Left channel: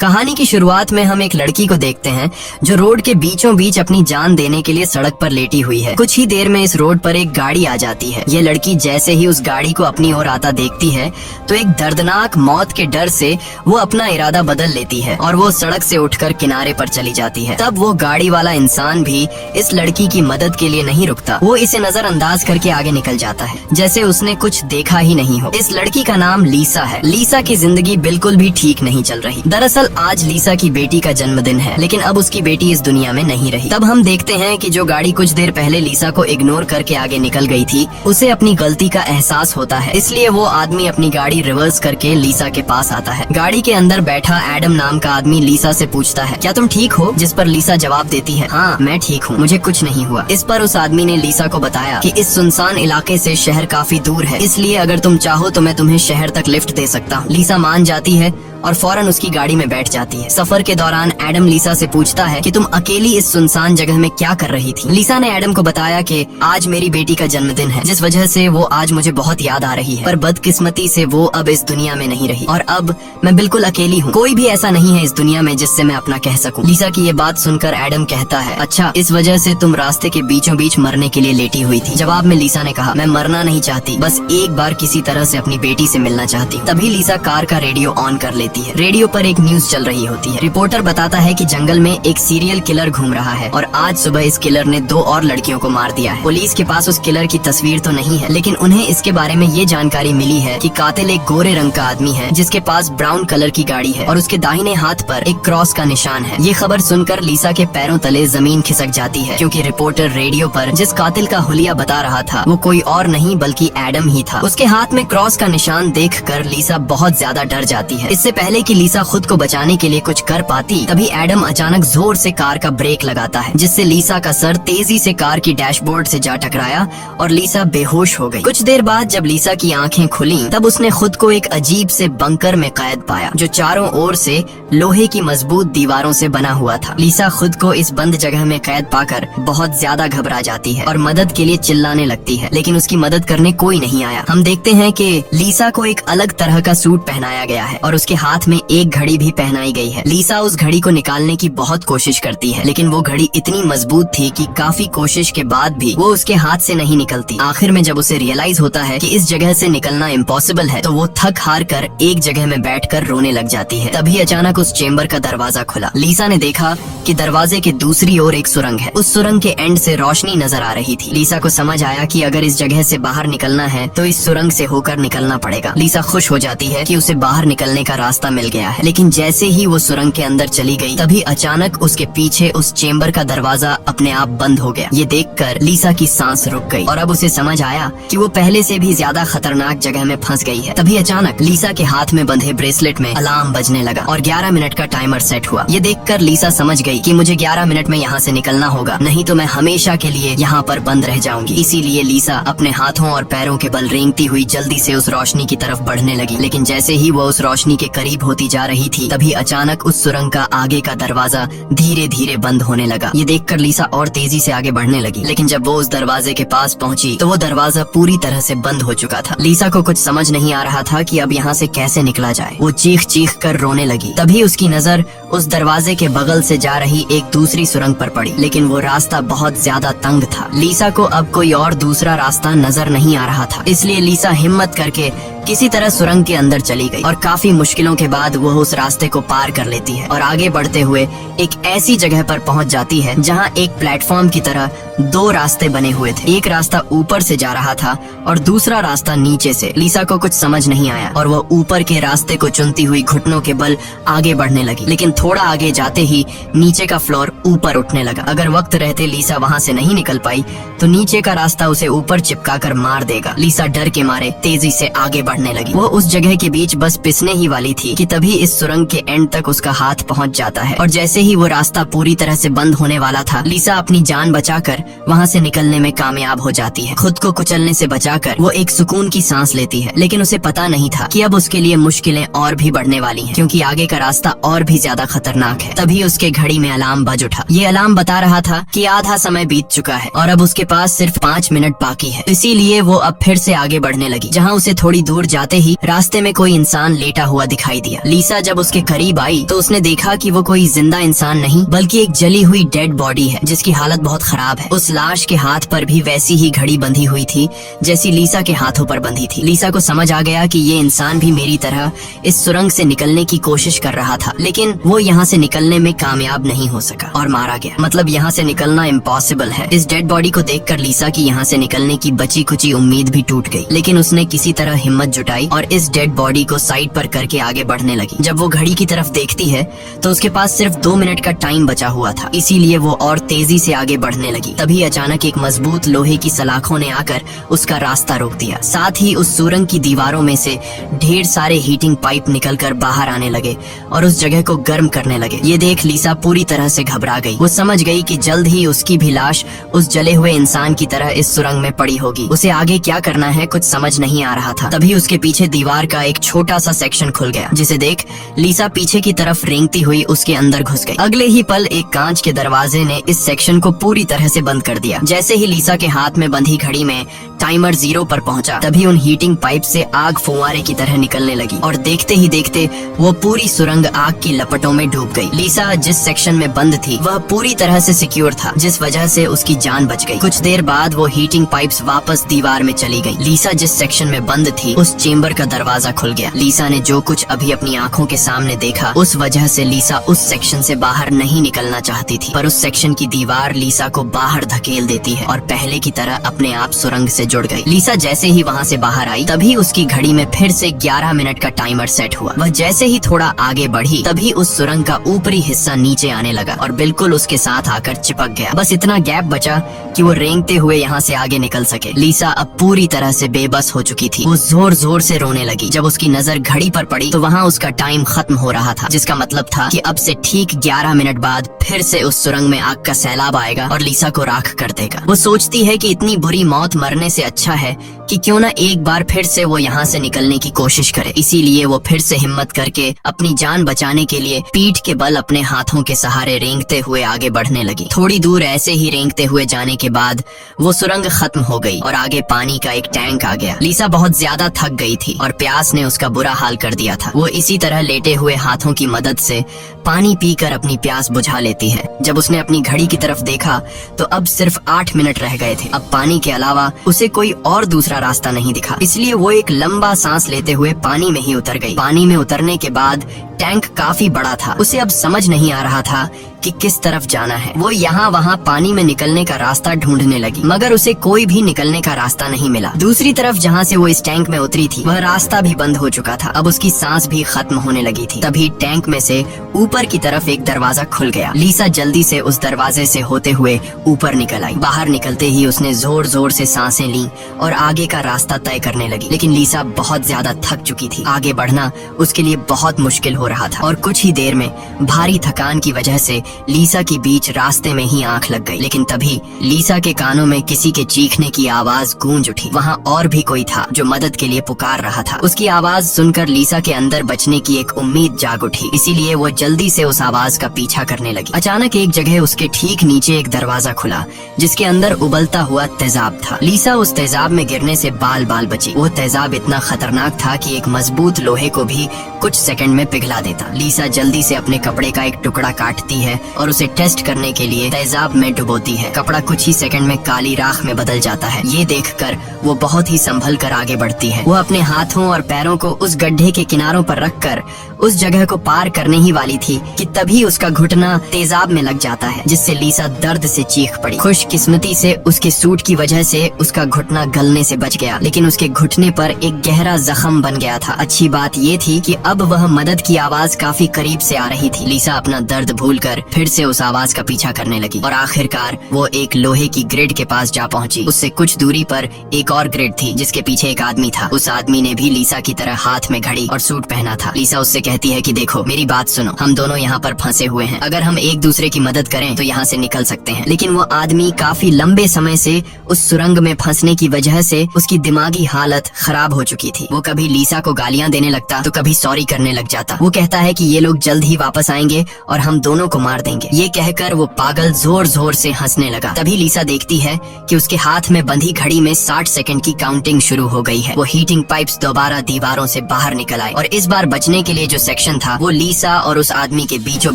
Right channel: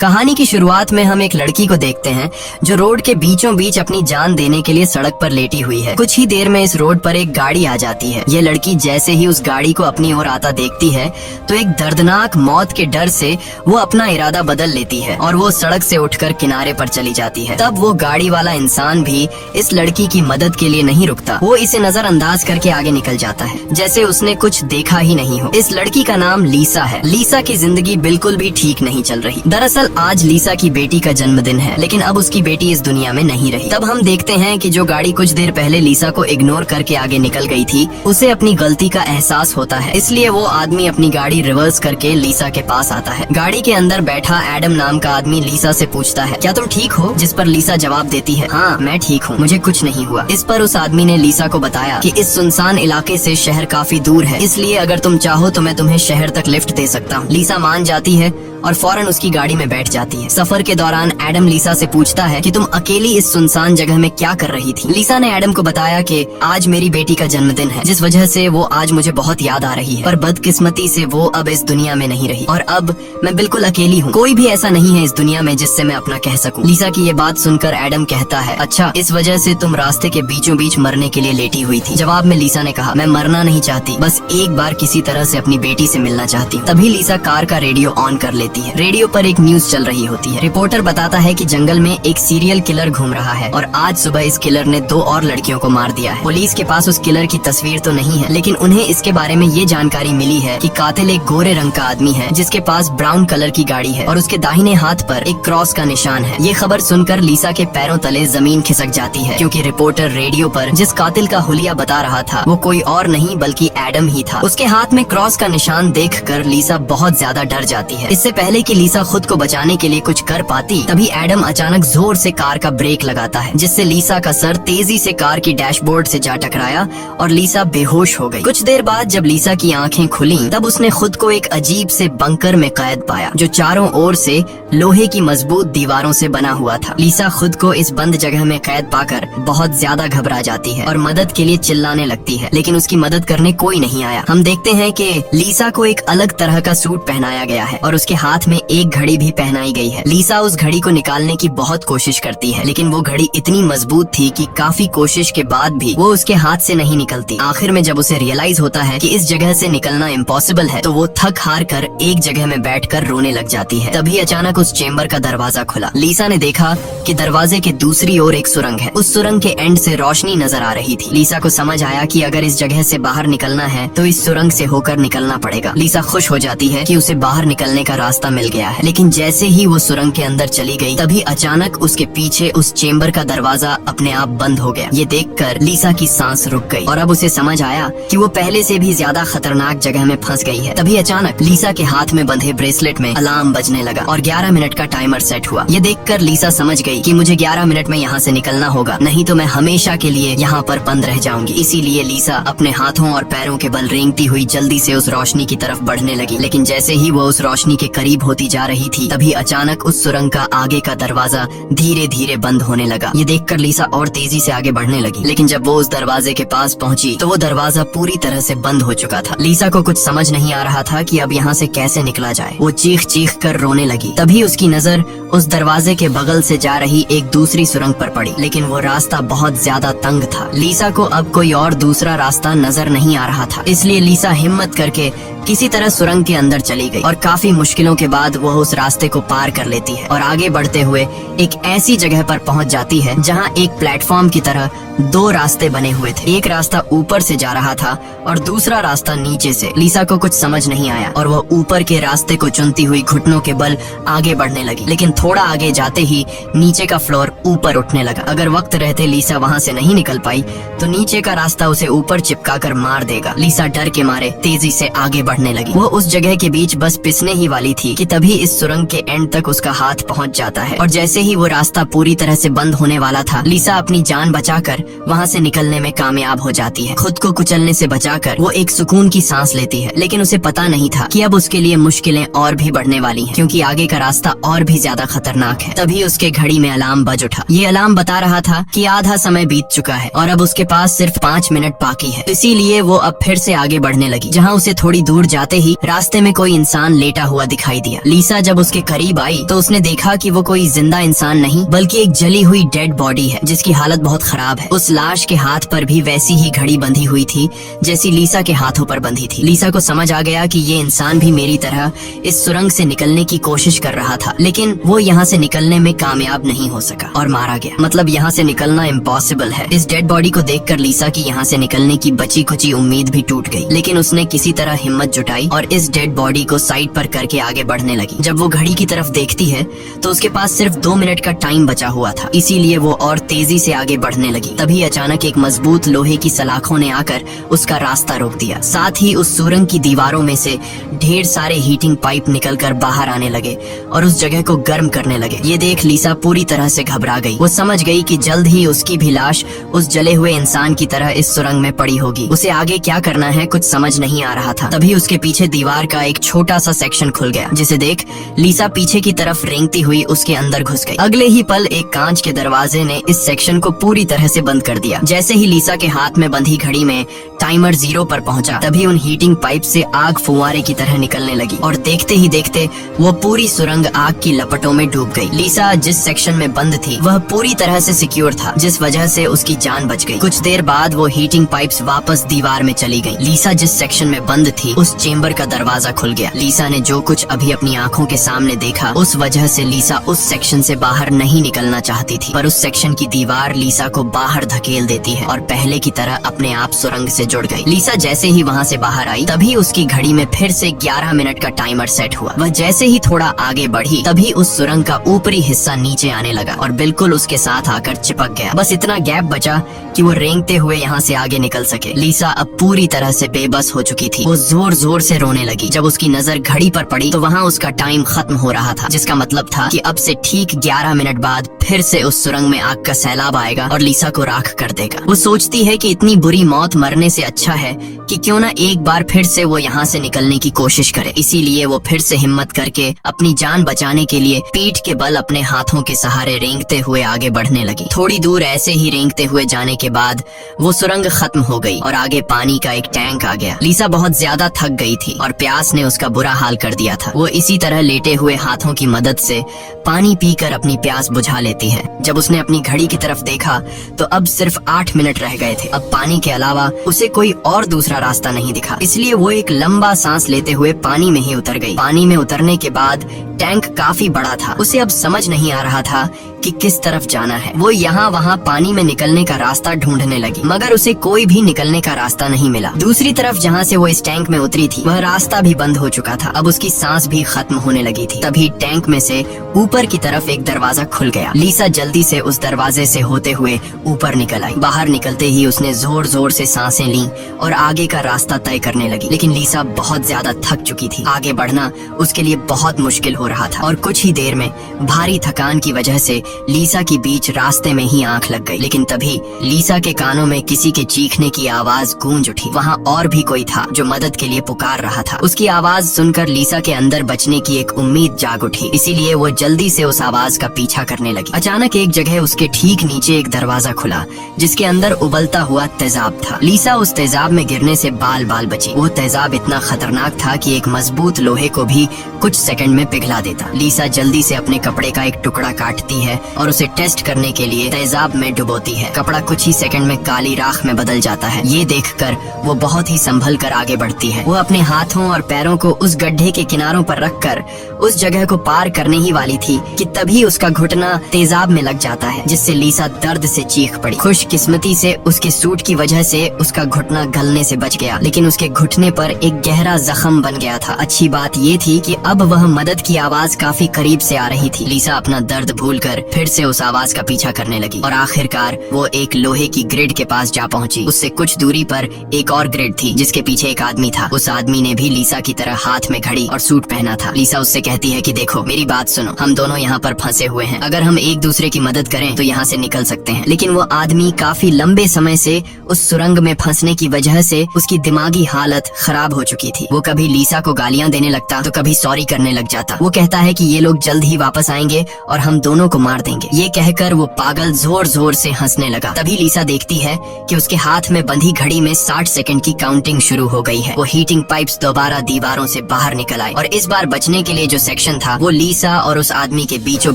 कहानी की शुरुआत में हम एक लड़की को देखते हैं जो रोड के बीचों बीच अपनी जान देने के लिए सड़क पर लेटी हुई है। कुछ ही देर में इस रोड पर एक गाड़ी आ जाती है। ये लड़की जैसे ही उस गाड़ी को अपनी ओर आता देखती है तो एक दर्दनाक मौत के डर से वो अपना इरादा बदल लेती है और वो सड़क से उठकर किनारे पर चली जाती है। तब वो गाड़ी वाला इंसान भी इस लड़की की मदद के लिए नहीं रुकता। वो इसे नजरअंदाज करके आगे निकल जाता है जैसे उसने कुछ देखा ही नहीं हो। इस लड़की का नाम लीसा है। लीसा की जिंदगी बिल्कुल भी ठीक नहीं चल रही। दरअसल आज लीसा की बेटी का जन्मदिन है, लेकिन अब उसकी बेटी इस दुनिया में नहीं रही। तब हम देखते हैं कि जो गाड़ी कुछ देर पहले लीसा को इग्नोर करके आगे निकल गई थी, उसे अपनी गलती का एहसास होता है। इसलिए वो आदमी अपनी गाड़ी रिवर्स करके लीसा के पास आता है। गाड़ी के अंदर बैठा एडम नाम का आदमी लीसा से पूछता है, क्या तुम ठीक हो? जिस पर लीसा जवाब देती है, हाँ मैं ठीक हूँ, मुझे कुछ नहीं हुआ। इस पर उस आदमी ने लीसा को बताया कि इस सुनसान इलाके से शहर काफी दूर है, इसलिए अगर तुम चाहो तो मैं तुम्हें शहर तक लिफ्ट दे सकता हूँ। लीसा मान जाती है और फौरन उसकी गाड़ी में बैठ जाती है। सफर के दौरान एडम लीसा से पूछता है कि तुम अकेली इस सुनसान जगह में क्या कर रही थी? लीसा ने एडम को बताया कि आज मेरी बेटी का जन्मदिन है, जिस वजह से वो आज मुझे बहुत याद आ रही है, पर बदकिस्मती से वो अब इस दुनिया में नहीं रही और अब मैं बिल्कुल अकेली हूँ। कोई भी ऐसा नहीं है इस दुनिया में जिससे मैं अपना कह सकूँ। लीसा की ये बात सुनकर एडम कहता है, अच्छा इस वजह से तुम रास्ते के बीचों बीच मरने के लिए लेटी हुई थी। जवाब में लीसा ने कहा, मैं मरना नहीं चाहती, बस एक बार किसी तरह से अपनी बेटी से मिलना चाहती। तभी लीसा कार का रेडियो ऑन कर लेती है। रेडियो पर एक न्यूज चल रही होती है। रिपोर्टर बताता है कि जंगल में एक सीरियल किलर घूम रहा है और आज सुबह इस किलर ने 2 और लड़कियों को मार दिया है। पुलिस के पास उस किलर की तस्वीर तो नहीं है, लेकिन उन्हें इसके बारे में ये जानकारी मिली है कि कातिल एक गोरे रंग का आदमी है जिसके पास ब्राउन कलर की गाड़ी है और उसके दाहिने हाथ पर एक क्रॉस का निशान है। ये खबर सुनकर लीसा के पैरों तले जमीन खिसक जाती है, क्योंकि रिपोर्टर रेडियो पर जिस कातिल का हुलिया बता रहा था वो कोई और नहीं बल्कि एडम ही था। उसके हाथ में क्रॉस का निशान देखकर लीसा बहुत ज्यादा डर जाती है। इससे पहले कि लीसा खुद को बचाने के लिए कुछ कर पाती, तभी एडम अचानक जोर से कार का ब्रेक लगाता है, जिससे लीसा का सर तेजी से कार की डैशबोर्ड से जा टकराया और लीसा बेहोश हो गई। कुछ देर बाद जब लीसा की आंखें खुली तब उसने खुद को एक अजीब से बंकर में कैद पाया जो चारों ओर से लोहे की मजबूत दीवारों से बना हुआ था। लीसा खुद को इस बंद जगह में कैद पाकर बहुत ज्यादा घबरा जाती है और मदद के लिए चिल्लाने लगती है, लेकिन उसकी मदद करने कोई नहीं आया। हम देखते हैं कि लीसा को एक अलग तरह का सूट पहनाया गया है और उसके हाथ में एक घड़ी भी पहनाई गई है। लीसा उस घड़ी को निकालने की बहुत कोशिश करती है, लेकिन वो घड़ी इतनी मजबूत थी कि काफी कोशिश के बाद भी वो उसके हाथ से नहीं निकलती। आखिर में जब उसे रियलाइज होता है कि इस जगह से निकलना इम्पॉसिबल है, तो वो थक हार कर एक जगह में बैठकर रोने लग जाती है। तभी अचानक उस चेम्बर का दरवाजा खुला। लीसा ने देखा कि दरवाजे के दूसरी ओर एक सुरंग है। उस सुरंग के एंड से रोशनी नजर आ रही थी। लीसा को समझ आया कि अगर इस जगह से बाहर निकलना है तो इस सुरंग से होकर निकलना पड़ेगा। लीसा खुश हो जाती है कि उसे बाहर निकलने का रास्ता मिल गया है, लेकिन जैसे ही वो सुरंग के अंदर चली गई तभी अचानक उसके पीछे उस चेम्बर का दरवाजा अपने आप बंद हो गया। ये देखकर लीसा की सांस रुक गई और अब उसे समझ आया कि वो पहले से भी ज्यादा खतरनाक जगह में फंस गई है। तभी अचानक लीसा के हाथ में बंधे ब्रेसलेट में अलार्म बजने लगा और 11 मिनट का टाइमर सेट हुआ। ये देखकर लीसा समझ गई कि मुझे 11 मिनट में यहाँ से निकलना होगा, नहीं तो मैं हमेशा के लिए यहाँ पर बंद रह जाऊंगी। इसीलिए लीसा अपने हाथों और पैरों के बल रेंगती हुई जल्दी से उस रोशनी की तरफ बढ़ने लगी। लेकिन जैसे ही वो उस रोशनी के करीब होती जा रही थी तभी अचानक उस सुरंग का आगे का दरवाजा धीरे धीरे बंद होने लगा। ये देखकर लीसा और तेजी से आगे बढ़ने लगी, लेकिन जब वो उस दरवाजे के पास पहुंची तो वो दरवाजा पूरी तरह से बंद हो चुका था। लीसा को कुछ समझ नहीं आ रहा था कि अब यहाँ से कैसे निकला जाए। वो चीख चीख कर रोने लगी। तभी उसकी नजर उस दरवाजे के बगल से जा रही एक दूसरी सुरंग पर पड़ी, लेकिन वो रास्ता बहुत ज्यादा तंग था। लीसा को अब कोई और दूसरा रास्ता नजर नहीं आ रहा था, इसलिए लीसा हिम्मत करके किसी तरह सुरंग के अंदर चली गई और काफी मुश्किलों के बाद वह उस रास्ते को पार कर लेती है और आगे बढ़ते हुए एक ऐसी जगह पर पहुंच जाती है जहां एक प्लेटफॉर्म की तरह 2 रास्ते बने हुए थे। एक रास्ता ऊपर से जा रहा था और दूसरा रास्ता नीचे से। लीसा को कुछ समझ नहीं आया और वो ऊपर के रास्ते को चुनती हुई घुटनों के बल आगे बढ़ने लगी, लेकिन थोड़ा आगे जाते ही नीचे का फ्लोर ऊपर उठने लगा। अगर वक्त रहते लीसा वहाँ से नहीं निकल पाई तो नीचे का रास्ता उसे ऊपर चिपका कर मार देगा। लीसा डर के मारे तेजी से आगे बढ़ने लगी। वो उस जगह के बीच बस पिसने ही वाली थी कि तभी इस सुरंग के एंड तक उसका हाथ पहुंच जाता है और जैसे ही वो रास्ता पूरी तरह से बंद होने वाला था, लीसा अपनी जान बचाकर वहाँ से निकलने में कामयाब हो जाती है। खुद को कुचलने से बचाकर वो एक सुकून की सांस लेती है, लेकिन उसे पता नहीं था कि अब उसके लिए मुश्किलें और भी बढ़ने वाली हैं, क्योंकि आगे का रास्ता और भी ज्यादा खतरनाक है। तभी उसके घड़ी में अलार्म बज उठा। ये अलार्म बता रहा था कि आधा समय बीत चुका है और अब उसके पास सिर्फ 5 मिनट बाकी है। इसीलिए वो अब फिर से आगे बढ़ने लगी। जहाँ उसे थोड़ी दूर दूर जाते ही रास्ते में कोई इंसान लेटा हुआ दिखाई दिया। लीसा जब उसके करीब आई तो उसने देखा कि वो कोई जिंदा इंसान नहीं बल्कि एक जली हुई डेड बॉडी है जिसकी हालत बहुत खराब है। उस लाश के हाथ पर भी वैसी ही घड़ी बंधी हुई थी जैसी लीसा के हाथों पर बंधी थी। लीसा को समझ आ गया कि ये इंसान भी मेरी तरह इस सुरंग से निकलने की कोशिश कर रहा था, लेकिन वो यहाँ से निकलने में कामयाब नहीं हो सका और मारा गया। मतलब यहाँ से निकलना इम्पॉसिबल है। इस डेड बॉडी को देखकर लीसा की यहाँ से निकलने की बची कुची उम्मीद भी टूट गई, लेकिन उसने किसी तरह हिम्मत जुटाई और इस डेड बॉडी को साइड पर करके आगे बढ़ने लगी। जब वो घड़ी की तरफ देखती है तो उसके पास सिर्फ 2 मिनट का टाइम बचा हुआ था, इसीलिए वो और तेजी से आगे बढ़ने लगी। तभी अचानक एक मजबूत लोहे की सलाखों ने आकर उसका रास्ता रोक दिया। साथ ही उस सुरंग की दीवारों में से ढेर सारे हीटिंग पाइप निकलकर बाहर आने लगे और उस जगह को गर्म करने लगे। ये देख लीसा पूरी तरह से घबरा गई। वो समझ गई कि जल्द ही उसकी भी लाश उस जले हुए इंसान की तरह इस सुरंग में पड़ी होगी। उसे आगे क्या करना है कुछ समझ नहीं आ रहा था। तभी उसके पीछे दीवार का एक छोटा सा सेक्शन खुल गया, जिसे देख लीसा पीछे की तरफ रेंगती हुई उसके अंदर घुस गई। अगले ही पल एक कांच के दरवाजे ने इस सेक्शन को पूरी तरह से बंद कर दिया। जैसे ही लीसा के हाथ में बंधी घड़ी में टाइमर 0 पर पहुंचा, तभी उन हीटिंग पाइप से आग फुंवारे की तरह निकलने लगी और देखते ही देखते वो पूरी सुरंग आग की लपटों में डूब गई। लीसा जिस सेक्शन में बंद थी वह पूरी तरह से सिक्योर था, जिस वजह से उसकी जान बच गई। कुछ देर बाद वो हीटिंग पाइप्स वापस दीवार में चली गई। लीसा जिस सेक्शन में बंद थी उस चेम्बर का दरवाजा खुल गया। लीसा ने जो कुछ अभी अपनी आंखों के सामने देखा उस वजह से लीसा उस सेक्शन से बाहर नहीं निकलना चाहती थी, पर उस सेक्शन की दीवार लीसा को बाहर धकेल देती है और पहले की तरह अपने आप सुरंग से जुड़ गई। लीसा जैसे ही वहाँ से बाहर आई तभी उसकी घड़ी में फिर से 11 मिनट का टाइमर सेट हुआ। वह जैसे ही थोड़ा आगे बढ़ी तभी उस सुरंग का ऊपरी हिस्सा नीचे आने लगा और बिल्कुल उसके साथ आकर चिपक गया। बस इतना गैप बचा कि वो रेंगते हुए यहाँ से आगे निकल सके। लीसा अब पूरी तरह से बेबस हो चुकी थी। वो जोर जोर से रोने लगी। जब उसकी नजर घड़ी पर पड़ी तो वहाँ उसका टाइम खत्म हो रहा था, जिसका मतलब था कि अब से ठीक 11 मिनट बाद फिर से उस सुरंग में आग का सैलाब आएगा और लीसा को राख कर देगा। वो सोचती है कि इतनी बुरी मौत मरने से अच्छा है कि क्यों ना एक बार फिर से वो यहाँ से निकलने की कोशिश करे। इसीलिए वो फिर से हिम्मत करके अपनी जान बचाने के लिए पीठ के बल अपने हाथों के सहारे रेंगते हुए आगे बढ़ने लगी। थोड़ी दूर ऐसे ही रेंगते हुए जाने के बाद वो सुरंग खत्म हो गई और आगे पानी का एक टैंक आ गया। लीसा बहुत ज्यादा थक गई थी और प्यास ने उसका बुरा हाल कर दिया था। वो इसी तरह लेटे हुए हाथों की मदद से पानी पीकर अपनी प्यास बुझा लेती है। जब उसने अपनी घड़ी की तरफ देखा तो अब सिर्फ 8 मिनट रह गए थे। अब पानी के अलावा उसे कोई और दूसरा रास्ता नहीं दिखा, इसलिए वो एक लंबा सांस लेते हुए पानी में ही उतर गई। पानी में उतरने के बाद टैंक काफी बड़ा था। उसे अब समझ नहीं आ रहा था कि किस तरफ जाना है। वो यहाँ वहाँ पानी में निकलने का रास्ता ढूंढने लगी, मगर उसे कोई भी निकलने का रास्ता नहीं मिला। दूसरी तरफ जहाँ से वो इस टैंक में उतरी थी वह रास्ता भी बंद हो चुका था। अब उसकी सांस भी खत्म होने लगी थी। तभी टैंक में से ऊपर की तरफ एक दरवाजा खुल गया। लीसा जल्दी से उस दरवाजे से होते हुए ऊपर निकल आई। बाहर निकलते ही उसने जोर जोर से सांसें ली और आगे का रास्ता तय करने लगी, लेकिन लीसा बहुत ज्यादा थक चुकी थी। आगे बढ़ना उसके लिए बहुत मुश्किल हो रहा था और कुछ ही देर में भारी थकान की वजह से लीसा के बीच रास्ते में ही आंख लग गई। लेकिन तभी लीसा के कानों में किसी के चीखने की आवाज गूंज उठी। वहाँ और भी कोई था जो मदद के लिए पुकार रहा था। उसकी आवाज सुनकर लीसा के अंदर बचने की एक उम्मीद जाग उठी, इसीलिए वो जल्दी से उस आवाज का पीछा करने लगी। अचानक एक जगह उसके ठीक नीचे एक दरवाजा खुला जिसके अंदर उबलता हुआ तेजाब था। लीसा उस तेजाब में गिरने से बाल बाल बची। वो तेजाब इतना खतरनाक था कि एक मजबूत लोहे को भी कुछ सेकंड में पिघला देता। लीसा जल्दी से अपने कपड़े का एक टुकड़ा काटती है और उसे टेस्ट करने के लिए तेजाब में डुबोती है। कपड़ा कुछ ही सेकंड में काली राख में बदल जाता है। ये देखकर वो बहुत ही संभल कर आगे बढ़ती है। वो अपने हाथों और पैरों को उस गड्ढे के किनारों पर रखकर उस जगह को पार करने ही वाली थी कि तभी उसका घुटना तेजाब में लग जाता है, जिससे लीसा दर्द से चीख पड़ी। खुशकिस्मती से उसके सूट की वजह से उसका घुटना गलने से बच गया, लेकिन उसके घुटने पर एक गहरा जख्म बन गया था। अच्छी बात ये थी कि अब वह मदद की आवाज काफी करीब से आ रही थी। लीसा अपना दर्द भूलकर फिर से उस आवाज का पीछा करने लगी और आखिरकार वो एक लोहे की ग्रिड के पास जा पहुंची। उससे कुछ दूरी पर एक और ग्रिड थी जिसके पीछे एक आदमी था। उस आदमी ने भी लीसा की तरह हाथ में घड़ी और सूट पहना था। लीसा उससे कहती है कि देखो मेरी बात सुनो, हम दोनों यहाँ पर फंसे हुए हैं। अगर हम एक दूसरे की मदद करें तो यहाँ से निकल सकते हैं। लेकिन वो आदमी काफी लंबे समय से उस सुरंग में फंसने की वजह से उसकी दिमागी हालत खराब हो चुकी थी। वो कभी लीसा को गालियाँ देने लगता तो कभी सॉरी करने लग जाता। वो कहता है कि ये लोग जल्द ही वापस आएंगे और हम दोनों को मार मार देंगे। ये कहकर वो पागल जोर जोर से हंसने लगा। तभी लीसा देखती है कि उसके हाथ में बंधी घड़ी में 60 सेकंड की काउंटिंग शुरू हो गई है। वो हीटिंग पाइप्स दोबारा दीवारों से बाहर निकल आए और इस बार बचने के लिए जो सेक्शन था वो लीसा और उस आदमी के बीचों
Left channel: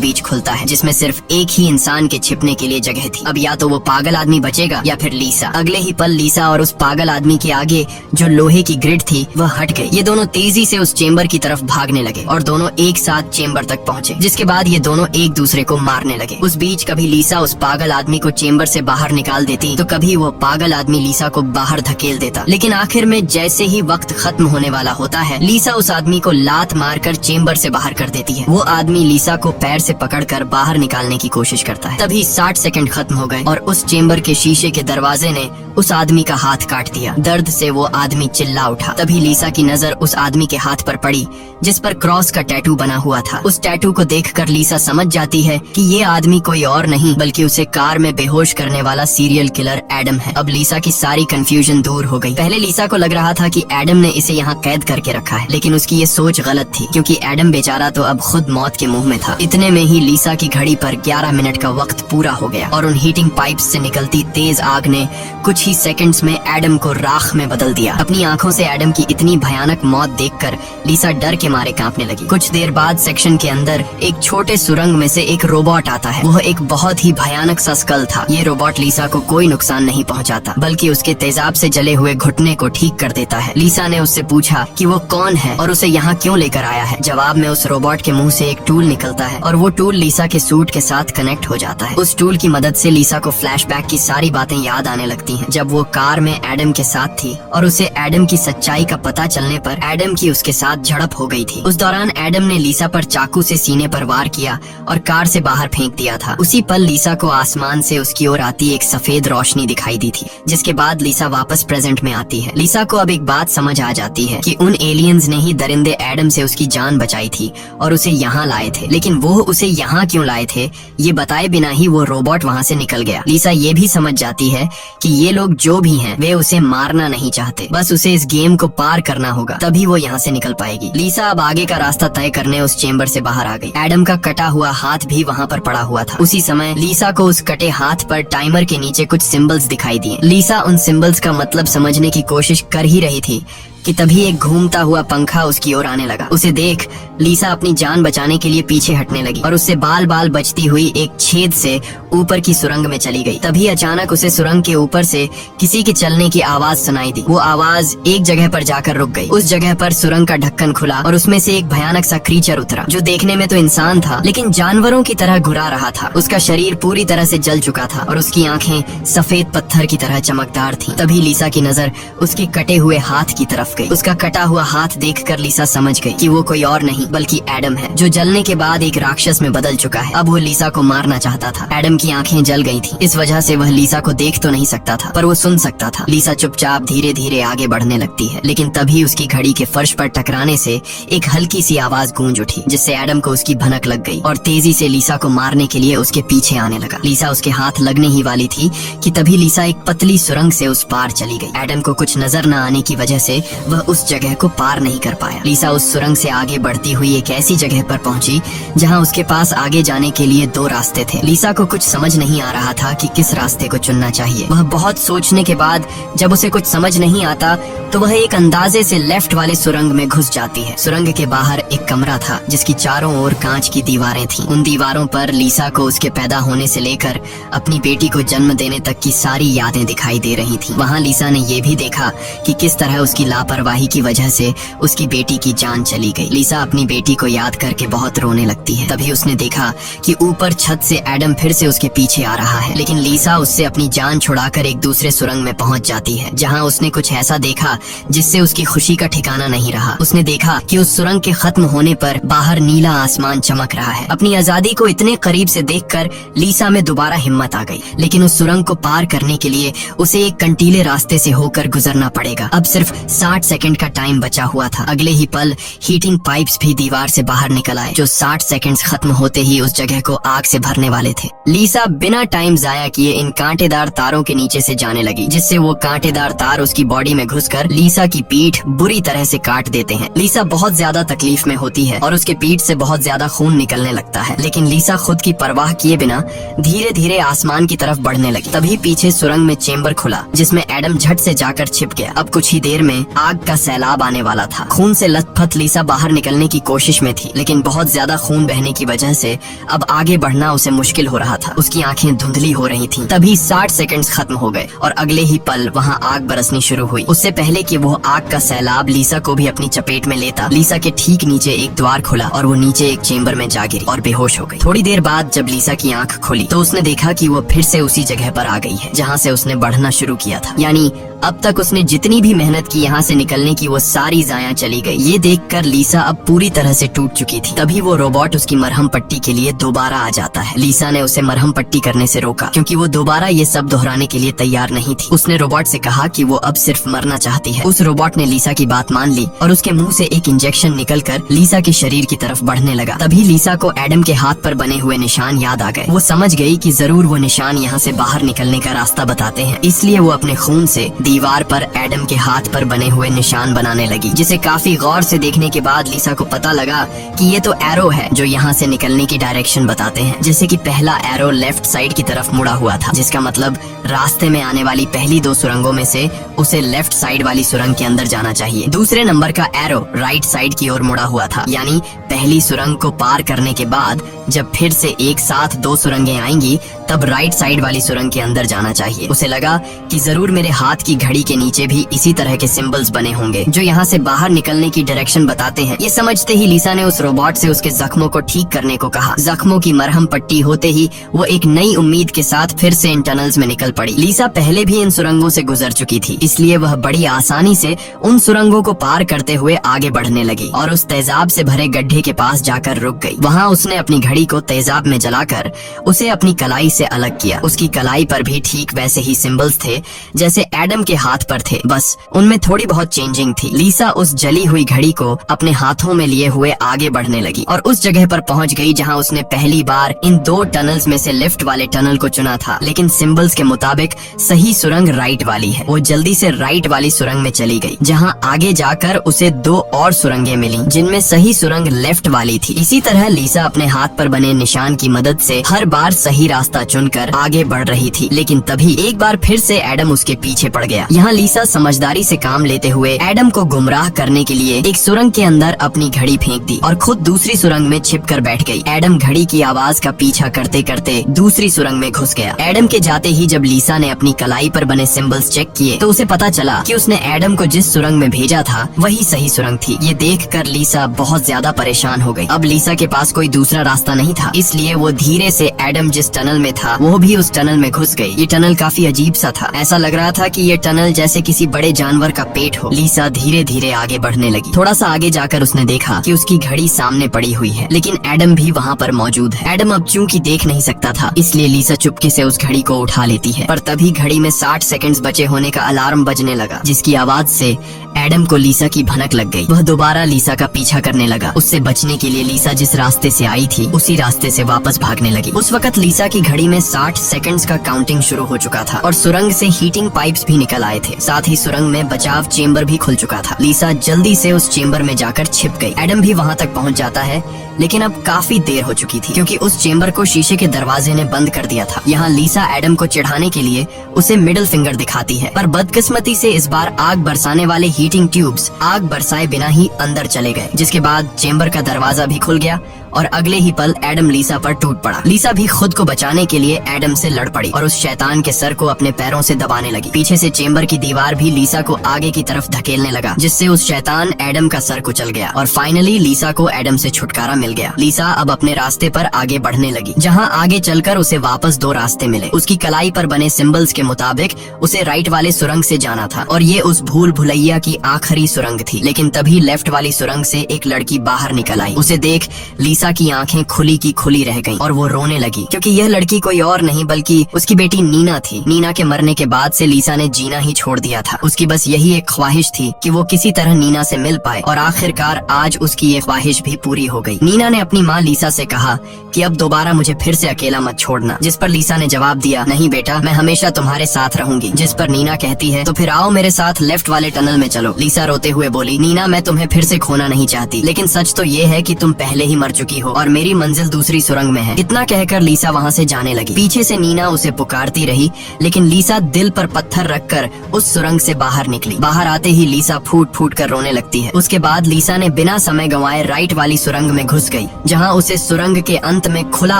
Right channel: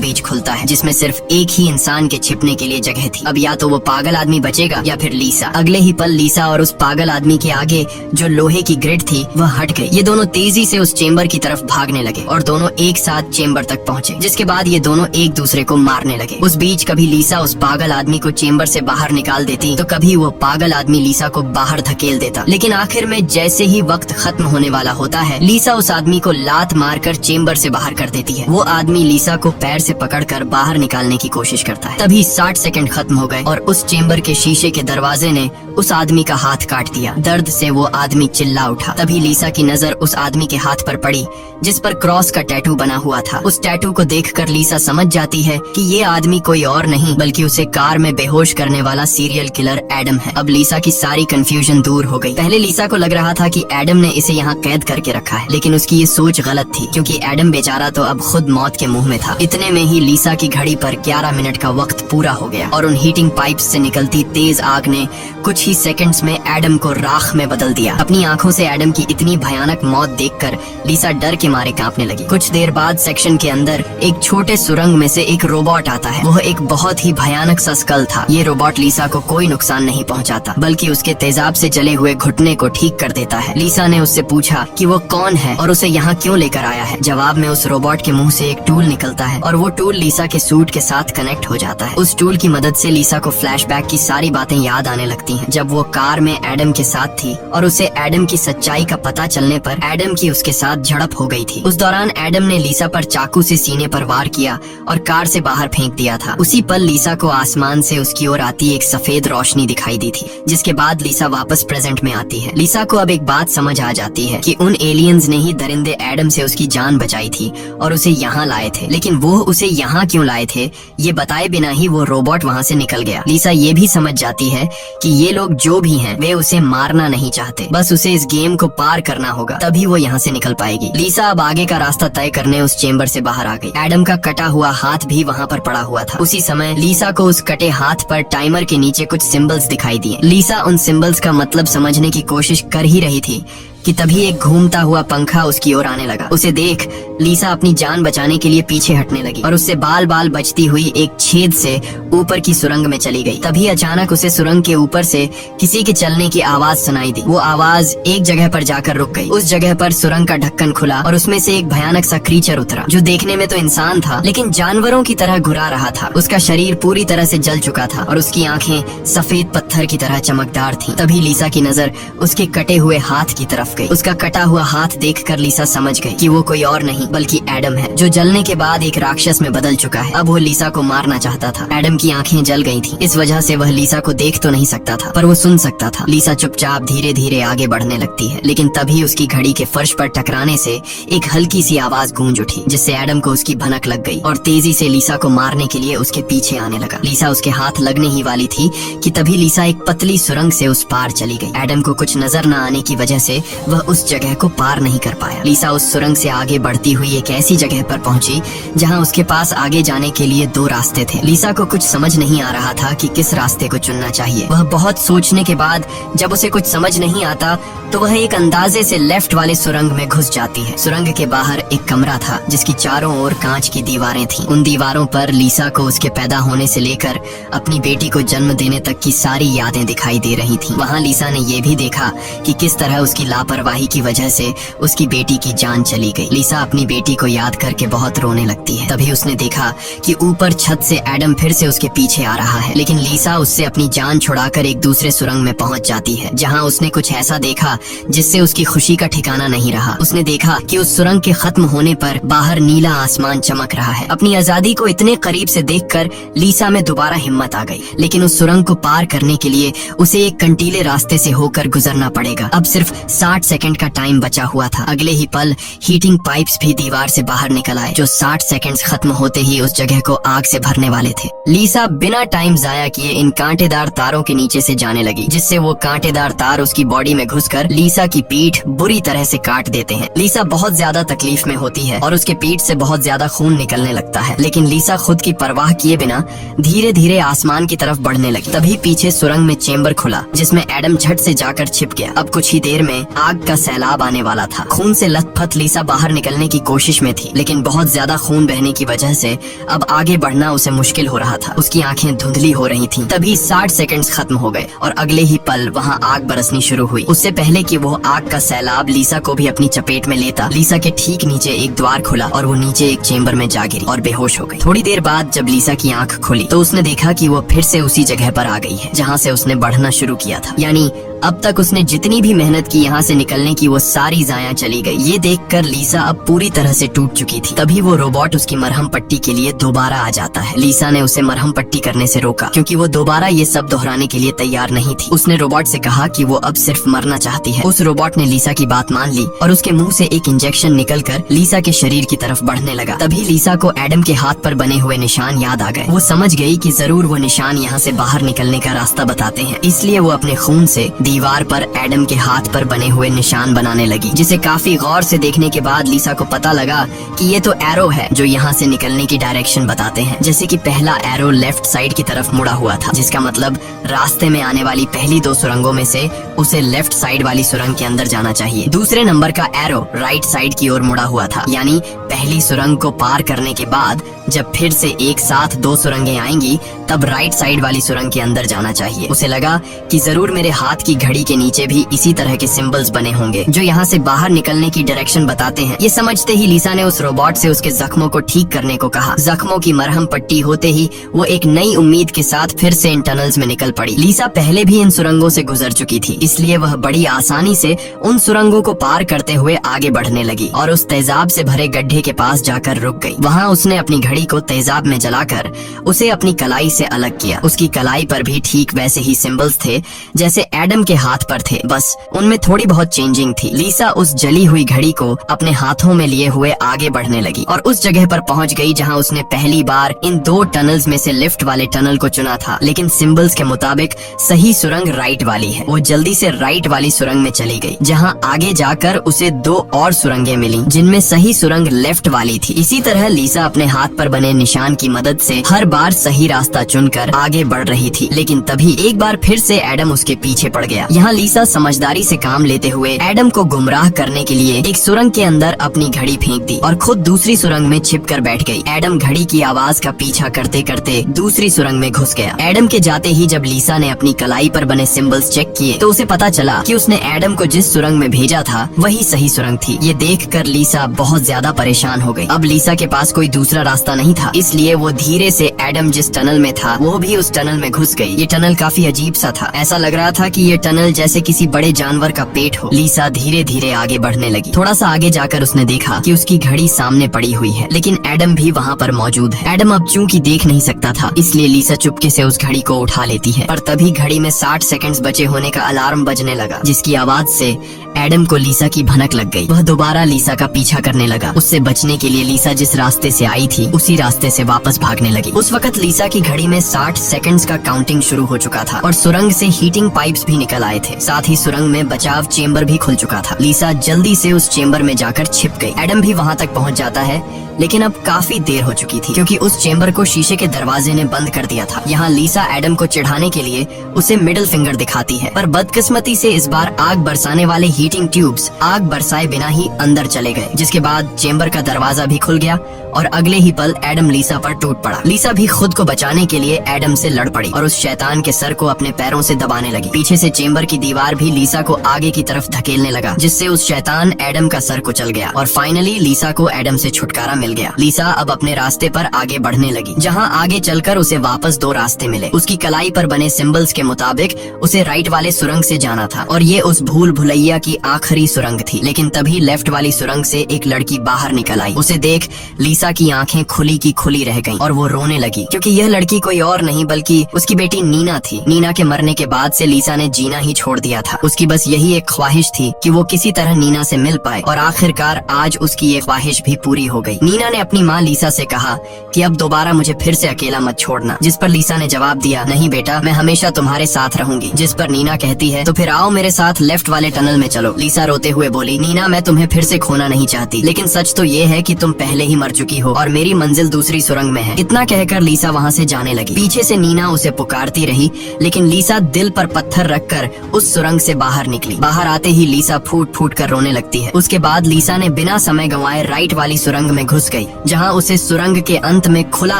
बीच खुलता है, जिसमें सिर्फ एक ही इंसान के छिपने के लिए जगह थी। अब या तो वो पागल आदमी बचेगा या फिर लीसा। अगले ही पल लीसा और उस पागल आदमी के आगे जो लोहे की ग्रिड थी वह हट गई। ये दोनों तेजी से उस चेम्बर की तरफ भागने लगे और दोनों एक साथ चेम्बर तक पहुँचे, जिसके बाद ये दोनों एक दूसरे को मारने लगे। उस बीच कभी लीसा उस पागल आदमी को चेम्बर से बाहर निकाल देती तो कभी वो पागल आदमी लीसा को बाहर धकेल देता। लेकिन आखिर में जैसे ही वक्त खत्म होने वाला होता है, लीसा उस आदमी को लात मारकर चेम्बर से बाहर कर देती है। वो आदमी लीसा को पैर से पकड़कर बाहर निकालने की कोशिश करता है। तभी 60 सेकंड खत्म हो गए और उस चेम्बर के शीशे के दरवाजे ने उस आदमी का हाथ काट दिया। दर्द से वो आदमी चिल्ला उठा। तभी लीसा की नजर उस आदमी के हाथ पर पड़ी जिस पर क्रॉस का टैटू बना हुआ था। उस टैटू को देखकर लीसा समझ जाती है कि ये आदमी कोई और नहीं बल्कि उसे कार में बेहोश करने वाला सीरियल किलर एडम है। अब लीसा की सारी कंफ्यूजन दूर हो गई। पहले लीसा को लग रहा था कि एडम ने इसे यहाँ कैद करके रखा है, लेकिन उसकी ये सोच गलत थी क्योंकि एडम बेचारा तो अब खुद मौत के मुंह में था। इतने में ही लीसा की घड़ी पर 11 मिनट का वक्त पूरा हो गया और उन हीटिंग पाइप्स से निकलती तेज आग ने कुछ ही सेकंड्स में एडम को राख में बदल दिया। अपनी आंखों से एडम की इतनी भयानक मौत देखकर लीसा डर के मारे कांपने लगी। कुछ देर बाद सेक्शन के अंदर एक छोटे सुरंग में से एक रोबोट आता है। वह एक बहुत ही भयानक सा स्कल था। ये रोबोट लीसा को कोई नुकसान नहीं पहुंचाता बल्कि उसके तेजाब से जले हुए घुटने को ठीक कर देता है। लीसा ने उससे पूछा कि वो कौन है और उसे यहाँ क्यों लेकर आया है। जवाब में उस रोबोट के मुंह से एक टूल निकलता है और वो टूल लीसा के सूट के साथ कनेक्ट हो जाता है। उस टूल की मदद से लीसा को फ्लैशबैक की सारी बातें याद आने लगती हैं, जब वो कार में एडम के साथ थी और उसे एडम की सच्चाई का पता चलने पर एडम की उसके साथ झड़प हो गई थी। उस दौरान एडम ने लीसा पर चाकू से सीने पर वार किया और कार से बाहर फेंक दिया था। उसी पल लीसा को आसमान से उसकी ओर आती एक सफेद रोशनी दिखाई दी थी, जिसके बाद लीसा वापस प्रेजेंट में आती है। लीसा को अब एक बात समझ आ जाती है कि उन एलियंस ने ही दरिंदे एडम से उसकी जान बचाई थी और उसे यहाँ लाए थे, लेकिन वो उसे यहाँ क्यों लाए थे ये बताए बिना ही वो रोबोट वहाँ से निकल गया। लीसा ये भी समझ जाती है कि ये लोग जो भी हैं वे उसे मारना नहीं चाहते, बस उसे इस गेम को पार करना होगा, तभी वो यहाँ से निकल पाएगी। लीसा अब आगे का रास्ता तय करने उस चेम्बर से बाहर आ गई। एडम का कटा हुआ हाथ भी वहाँ पर पड़ा हुआ था। उसी समय लीसा को उस कटे हाथ पर टाइमर के नीचे कुछ सिंबल्स दिखाई दिए। लीसा उन सिंबल्स का मतलब समझने की कोशिश कर ही रही थी कि तभी एक घूमता हुआ पंखा उसकी ओर आने लगा। उसे देख लीसा अपनी जान बचाने के लिए पीछे हटने लगी और उससे बाल बाल बचती हुई एक छेद से ऊपर की सुरंग में चली गई। तभी अचानक उसे सुरंग के ऊपर से किसी के चलने की आवाज सुनाई दी। वो आवाज एक जगह पर जाकर रुक गई। उस जगह पर सुरंग का ढक्कन खुला और उसमें से एक भयानक सा क्रीचर उतरा, जो देखने में तो इंसान था लेकिन जानवरों की तरह घुरा रहा था। उसका शरीर पूरी तरह से जल चुका था और उसकी आंखें सफेद पत्थर की तरह चमकदार थीं। तभी लीसा की नजर उसके कटे हुए हाथ की तरफ गई। उसका कटा हुआ हाथ देखकर लीसा समझ गई कि वो कोई और नहीं बल्कि एडम है, जो जलने के बाद एक राक्षस में बदल चुका है। अब वो लीसा को मारना चाहता था। एडम की आंखें जल गई थीं, इस वजह से वह लीसा को देख तो नहीं सकता था पर वो सुन सकता था। लीसा चुपचाप धीरे धीरे आगे बढ़ने लगती है, लेकिन तभी उसकी घड़ी के फर्श पर टकराने से एक हल्की सी आवाज गूंज उठी, जिससे एडम को उसकी भनक लग गई और तेजी से लीसा को मारने के लिए उसके पीछे आने लगा। लीसा उसके हाथ लगने ही वाली थी कि तभी लीसा एक पतली सुरंग से उस पार चली गई। एडम को कुछ नजर न आने की वजह से वह उस जगह को पार नहीं कर पाया। लीसा उस सुरंग से आगे बढ़ती हुई एक ऐसी जगह पर पहुंची जहां उसके पास आगे जाने के लिए 2 रास्ते थे। लीसा को कुछ समझ नहीं आ रहा था कि किस रास्ते को चुनना चाहिए। वह बहुत सोचने के बाद जब उसे कुछ समझ नहीं आता तो वह एक अंदाजे से लेफ्ट वाले सुरंग में घुस जाती है। सुरंग के बाहर एक कमरा था जिसकी चारों ओर कांच की दीवारें थीं। उन दीवारों पर लीसा को उसके पैदा होने से लेकर अपनी बेटी को जन्म देने तक की सारी यादें दिखाई दे रही थीं। वहां लीसा ने ये भी देखा कि किस तरह उसकी लापरवाही की वजह से उसकी बेटी की जान चली गई। लीसा अपनी बेटी को याद करके बहुत रोने लगती है। तभी उसने देखा कि ऊपर छत से एडम फिर से उसके पीछे आ रहा है, लेकिन लीसा उससे अपनी जान छुड़ाकर एक दूसरे सुरंग में पहुंच जाती है, जहां उसने कुछ ऐसा देखा जिससे उसकी खुशी का ठिकाना नहीं रहा। उसने देखा कि उस सुरंग के खत्म होने पर बाहर नीला आसमान चमक रहा है। अपनी आजादी को इतने करीब से देखकर लीसा में दोबारा हिम्मत आ गई, लेकिन उस सुरंग को पार करने के लिए उसे एक कंटीले रास्ते से होकर गुजरना पड़ेगा। अब सिर्फ 60 60 सेकंड का टाइम बचा हुआ था। अगले ही पल हीटिंग पाइप्स भी दीवार से बाहर निकल आए, जो 60 सेकंड्स खत्म होते ही उस जगह को आग से भरने वाले थे। लीसा बिना टाइम जाया किए इन कांटेदार तारों के नीचे से जाने लगी, जिससे वो कांटेदार तार उसकी बॉडी में घुसकर लीसा की पीठ बुरी तरह से काट देते हैं। लीसा बहुत ज्यादा तकलीफ में होती है और उसके पीठ से बहुत ज्यादा खून निकलने लगता है, लेकिन लीसा खुद की परवाह किए बिना धीरे धीरे आसमान की तरफ बढ़ने लगी। तभी पीछे सुरंग में चेम्बर खुला, जिसमें एडम झट से जाकर छिप गया। अब कुछ ही देर में आग का सैलाब आने वाला था। खून से लथपथ लीसा बाहर निकलने की कोशिश में थी, लेकिन बहुत ज्यादा खून बहने की वजह से अब आगे बढ़ना उसे मुश्किल हो रहा था। उसकी आंखें धुंधली हो रही थीं। तभी 60 सेकंड्स खत्म हो गए और अगले ही पल वहां आग बरसनी शुरू हुई। उससे पहले कि वो आग का सैलाब लीसा को भी अपनी चपेट में लेता, लीसा के ठीक नीचे एक द्वार खुला और वो नीचे एक चेम्बर में जा गिरी और बेहोश हो गई। थोड़ी देर बाद जब लीसा की आंख खुली तो उसने देखा कि वो फिर से उसी जगह पर आ गई है जहाँ से उसने बढ़ना शुरू किया था। यानी अब तक उसने जितनी भी मेहनत की यहाँ से निकलने की, वो सारी जाया चली गई। ये देखकर लीसा अब पूरी तरह से टूट चुकी थी। तभी वो रोबोट उसकी मरहम पट्टी के लिए दोबारा आ जाता है। लीसा ने उसे मरहम पट्टी करने से रोका, क्योंकि वो दोबारा ये सब दोहराने के लिए तैयार नहीं थी। उसने रोबोट से कहा कि वो अब सिर्फ मरना चाहती है। उस रोबोट ने लीसा की बात मान ली और उसके मुंह से एक इंजेक्शन निकलकर लीसा के शरीर की तरफ बढ़ने लगा। तभी लीसा को एडम के हाथ पर बने हुए निशान याद आ गए। वो समझ गई कि जरूर वो निशान यहाँ से बाहर निकलने का रास्ता बताते हैं, इसलिए वो अपने खून से दीवार पर एडम के हाथ पर बने हुए निशान बनाने लगी, जिसे काफी गौर से देखने के बाद लीसा को पता लगा कि ये तो एरो है जो यहाँ से निकलने की डायरेक्शन बताते हैं। जैसे कि पहला एरो लेफ्ट साइड की तरफ मुड़ा हुआ था, जिसका मतलब रास्ते में आने वाली पहली 2 सुरंगों में से उसे लेफ्ट साइड वाली सुरंग के अंदर जाना चाहिए। दूसरे नंबर का एरो राइट साइड की ओर मुड़ा हुआ था, यानी पहली सुरंग को पार करने के बाद जब फिर से एक साथ 2 सुरंगें आएंगी तब राइट साइड वाली सुरंग के अंदर जाना चाहिए। उसे लगा कि जरूर मेरे हाथ की घड़ी के नीचे भी इसी तरह के सिंबल्स बने होंगे जो यहाँ से बाहर निकलने की डायरेक्शन बताते हैं। ये समझते ही लीसा ने उस रोबोट से उसके जख्मों को ठीक करने को कहा। जख्मों की मरहम पट्टी होते ही वो एक नई उम्मीद के साथ फिर से इन टनल्स में निकल पड़ी। लीसा पहले भी इन सुरंगों से गुजर चुकी थी, इसलिए वह बड़ी आसानी से उन सुरंगों को पार करते हुए आगे बढ़ने लगी और उस तेजाब से भरे गड्ढे के पास जाकर रुक गई। वहाँ उसने अपनी घड़ी को तेजाब में जलाकर उसे अपनी कलाई से अलग किया। उसकी कलाई पर भी ठीक वैसे ही सिंबल्स थे जैसे एडम के हाथ पर थे, बस उनमें थोड़ी बहुत चेंजिंग थी। लीसा उस जली हुई घड़ी को अपने हाथों में लिए हुए आगे बढ़ने लगी और उस जगह पर पहुंच गई जहां उसने पहली बार इन 2 टनल्स में से लिफ्ट वाले टनल को चुना था, लेकिन सिंबल्स के मुताबिक सही सुरंग राइट वाली है। वो जल्दी से राइट वाली सुरंग में चली गई, जहां आगे जाकर उसे 2 और सुरंगें मिली जिनमें सही सुरंग लेफ्ट वाली थी। इसी तरह लीसा अपने हाथ पर बने निशान की मदद से हर बार सही रास्ता चुनकर आगे बढ़ रही थी, लेकिन तभी एक बार फिर से एडम उसके पीछे पड़ गया। यहाँ लीसा समझदारी से काम लेते हुए एडम को गुमराह करने के लिए एक सुरंग के अंदर अपनी घड़ी फेंक दी और खुद दूसरी सुरंग में छिप कर बैठ गई। एडम घड़ी की आवाज का पीछा करते करते दूसरी सुरंग में घुस गया। एडम के जाते ही जब लीसा ने अपनी कलाई पर बने सिंबल्स चेक किए तो उसे पता चला कि उसने एडम को जिस सुरंग में भेजा था वही सही सुरंग थी। ये देखकर लीसा बहुत ज्यादा परेशान हो गई। अब लीसा के पास कोई दूसरा रास्ता नहीं था, इसलिए वो धीरे से एडम जिस टनल में था वो भी उस टनल में घुस गई। ये टनल काफी अजीब सा था, ऐसा लग रहा था कि ये टनल जैसे किसी बड़े जानवर का पेट हो। लीसा धीरे धीरे आगे बढ़ने लगी। थोड़ा सा आगे जाकर उसने देखा कि उसकी घड़ी सामने पड़ी हुई है, लेकिन एडम भी वहाँ पर मौजूद है। एडम अब चूंकि देख नहीं सकता था, इसलिए लीसा चुपके से उस घड़ी को उठा लेती है, पर तभी घड़ी में 60 सेकंड्स बचे होने का अलार्म बजने लगा, जिसकी आवाज से एडम को लीसा की भनक लग गई। वह दोबारा लीसा का पीछा करने लगा। उससे बचने के लिए लीसा जिस रास्ते से आई थी उसी रास्ते से वापस भागने लगी। उस वक्त लीसा की घड़ी में 60 सेकंड्स का काउंटिंग शुरू हो चुका था और सुरंग से हीटिंग पाइप्स भी निकल आए थे। साथ ही सुरंग में बचाव चेम्बर भी खुल चुका था। लीसा जल्दी से उस चेम्बर में जाकर छिप गई। एडम भी वहाँ तक पहुँच जाता है, लेकिन अब काफी देर हो चुकी थी क्योंकि उस चेम्बर को शीशे के दरवाजे ने बंद कर दिया था। यहाँ लीसा एडम को चिढ़ाने के लिए उसे मिडिल फिंगर दिखाती है, पर बदकिस्मती से इस बार आग बरसाने वाले हीटिंग ट्यूब्स आग बरसाए बिना ही अंदर चले गए, जिसके बाद चेम्बर का दरवाजा भी खुल गया और अगले ही पल एडम लीसा पर टूट पड़ा। लीसा भी खुद को बचाने के लिए एडम से लड़ पड़ी और उस शैतान के सर को अपने पैरों से दबाने लगी। पीछे से चेम्बर की दीवार भी लीसा को आगे की तरफ धकेलने लगा, जिससे उस शैतान एडम का सर कुचल गया और फाइनली लीसा को एडम से छुटकारा मिल गया। लीसा अब अपने रास्ते पर आगे बढ़ने लगी, जहाँ आगे चलकर उसे वापस 2 रास्ते मिले। उसकी कलाई पर बने सिंबल्स के मुताबिक उसे राइट वाले सुरंग से जाना था और ये उस भूल भुलैया की आखिरी सुरंग थी। लेकिन तभी लेफ्ट वाली सुरंग से एक लड़की बाहर निकल आई। उसे देख लीसा की आंखें खुली की खुली रह गईं और वो रोने लगी, क्योंकि यह लड़की कोई और नहीं बल्कि उसकी बेटी नीना थी। नीना के मरने के बाद से लीसा ने जीना ही छोड़ दिया था। उसकी बस यही एक ख्वाहिश थी कि वो किसी तरह नीना से मिल पाए, और आखिरकार आज उसकी ये ख्वाहिश भी पूरी हो गई। नीना ने अपनी माँ लीसा से कहा कि अब दोबारा मुझे फिर से अकेला मत छोड़ना, जिस पर लीसा ने जवाब दिया, नहीं बेटा, मैं हमेशा तुम्हारे साथ रहूंगी। जिस पर नीना कहती है, तो फिर आओ मेरे साथ लेफ्ट वाले टनल में चलो। लीसा रोते हुए बोली, नीना, मैं तुम्हें फिर से खोना नहीं चाहती, लेकिन सच तो ये है कि तुम पहले ही मर चुकी हो और मेरी मंजिल दूसरी सुरंग में है। इतना कहकर लीसा वहाँ से जाने लगी। पीछे से नीना उसे पुकारती रही, लेकिन लीसा दिल पर पत्थर रखकर उस सुरंग से बाहर निकली। बाहर आते ही लीसा फूट फूट कर रोने लगती है। उसके बाद लीसा ने बिना समय गंवाए राइट वाली सुरंग में घुस गई, जहाँ उसे सुरंग के अंत में खुला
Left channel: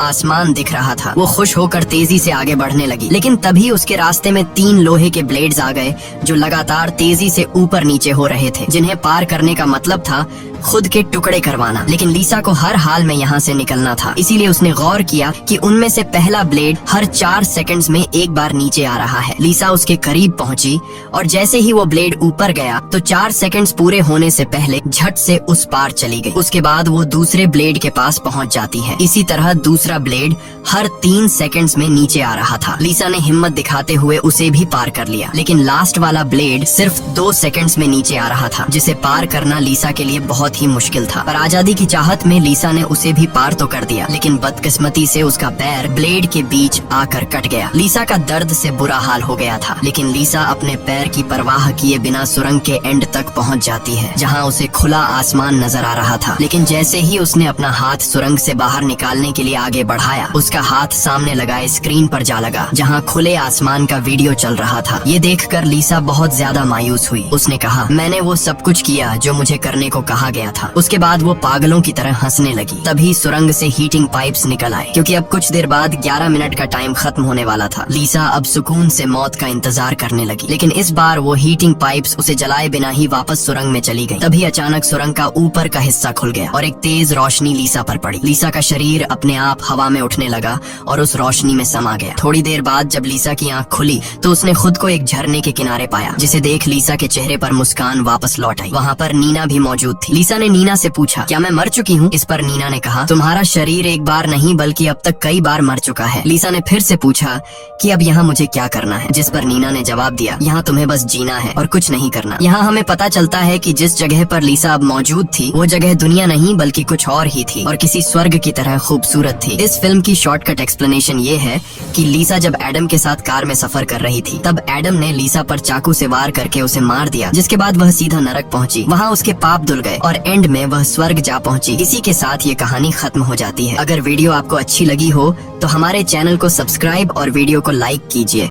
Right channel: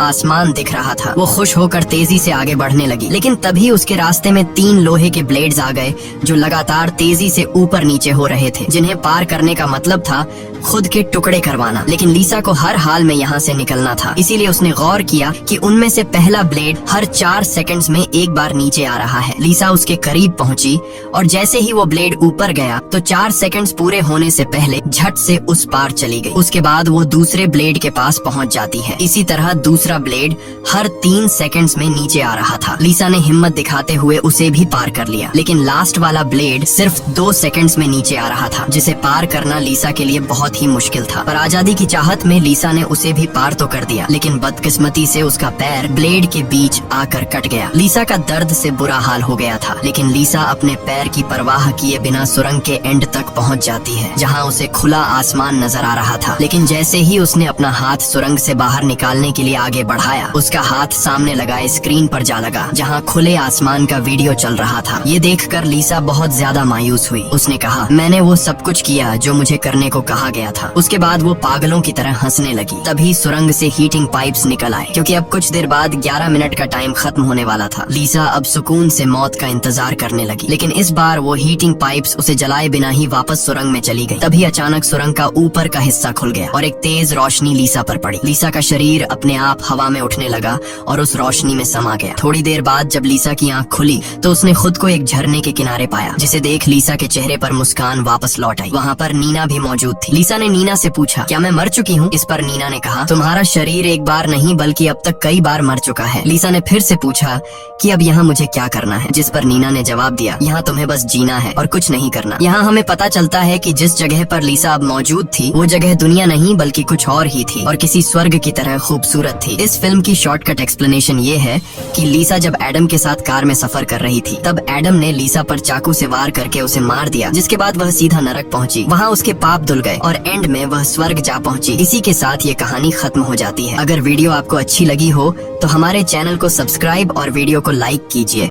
आसमान दिख रहा था। वो खुश होकर तेजी से आगे बढ़ने लगी, लेकिन तभी उसके रास्ते में 3 लोहे के ब्लेड्स आ गए, जो लगातार तेजी से ऊपर नीचे हो रहे थे, जिन्हें पार करने का मतलब था खुद के टुकड़े करवाना। लेकिन लीसा को हर हाल में यहाँ से निकलना था, इसीलिए उसने गौर किया कि उनमें से पहला ब्लेड हर 4 सेकंड्स में एक बार नीचे आ रहा है। लीसा उसके करीब पहुंची और जैसे ही वो ब्लेड ऊपर गया तो 4 सेकंड्स पूरे होने से पहले झट से उस पार चली गई। उसके बाद वो दूसरे ब्लेड के पास पहुंच जाती है। इसी तरह दूसरा ब्लेड हर 3 सेकंड्स में नीचे आ रहा था। लीसा ने हिम्मत दिखाते हुए उसे भी पार कर लिया, लेकिन लास्ट वाला ब्लेड सिर्फ 2 सेकंड्स में नीचे आ रहा था, जिसे पार करना लीसा के लिए बहुत ही मुश्किल था। पर आजादी की चाहत में लीसा ने उसे भी पार तो कर दिया, लेकिन बदकिस्मती से उसका पैर ब्लेड के बीच आकर कट गया। लीसा का दर्द से बुरा हाल हो गया था, लेकिन लीसा अपने पैर की परवाह किए बिना सुरंग के एंड तक पहुंच जाती है, जहां उसे खुला आसमान नजर आ रहा था। लेकिन जैसे ही उसने अपना हाथ सुरंग से बाहर निकालने के लिए आगे बढ़ाया, उसका हाथ सामने लगाए स्क्रीन पर जा लगा, जहां खुले आसमान का वीडियो चल रहा था। ये देखकर लीसा बहुत ज्यादा मायूस हुई। उसने कहा, मैंने वो सब कुछ किया जो मुझे करने को कहा गया था। उसके बाद वो पागलों की तरह हंसने लगी। तभी सुरंग से हीटिंग पाइप्स निकल आए, क्योंकि अब कुछ देर बाद 11 मिनट का टाइम खत्म होने वाला था। लीसा अब सुकून से मौत का इंतजार करने लगी, लेकिन इस बार वो हीटिंग पाइप्स उसे जलाए बिना ही वापस सुरंग में चली गई। तभी अचानक सुरंग का ऊपर का हिस्सा खुल गया और एक तेज रोशनी लीसा पर पड़ी। लीसा का शरीर अपने आप हवा में उठने लगा और उस रोशनी में समा गया। थोड़ी देर बाद जब लीसा की आंख खुली तो उसने खुद को एक झरने के किनारे पाया, जिसे देख लीसा के चेहरे पर मुस्कान वापस लौट आई। वहाँ पर नीना भी मौजूद थी। लीसा ने नीना से पूछा, क्या मैं मर चुकी हूँ? इस पर नीना ने कहा, तुम्हारा शरीर एक बार नहीं बल्कि अब तक कई बार मर चुका है। लीसा ने फिर से पूछा कि अब यहाँ मुझे क्या करना है? जिस पर नीना ने जवाब दिया, यहाँ तुम्हें बस जीना है और कुछ नहीं करना। यहाँ हमें पता चलता है कि जिस जगह पर लीसा अब मौजूद थी वो जगह दुनिया नहीं बल्कि कुछ और ही थी और किसी स्वर्ग की तरह खूबसूरत थी। इस फिल्म की शॉर्टकट एक्सप्लेनेशन ये है कि लीसा जब एडम के साथ कार में सफर कर रही थी, तब एडम ने लीसा पर चाकू से वार करके उसे मार दिया, जिसके बाद वह सीधा नरक पहुंची। वहाँ उसके पाप धुल गए और एंड में वह स्वर्ग जा पहुंची। इसी के साथ ये कहानी खत्म हो जाती है। अगर वीडियो आपको अच्छी लगी हो तो हमारे चैनल को सब्सक्राइब और वीडियो को लाइक कीजिए।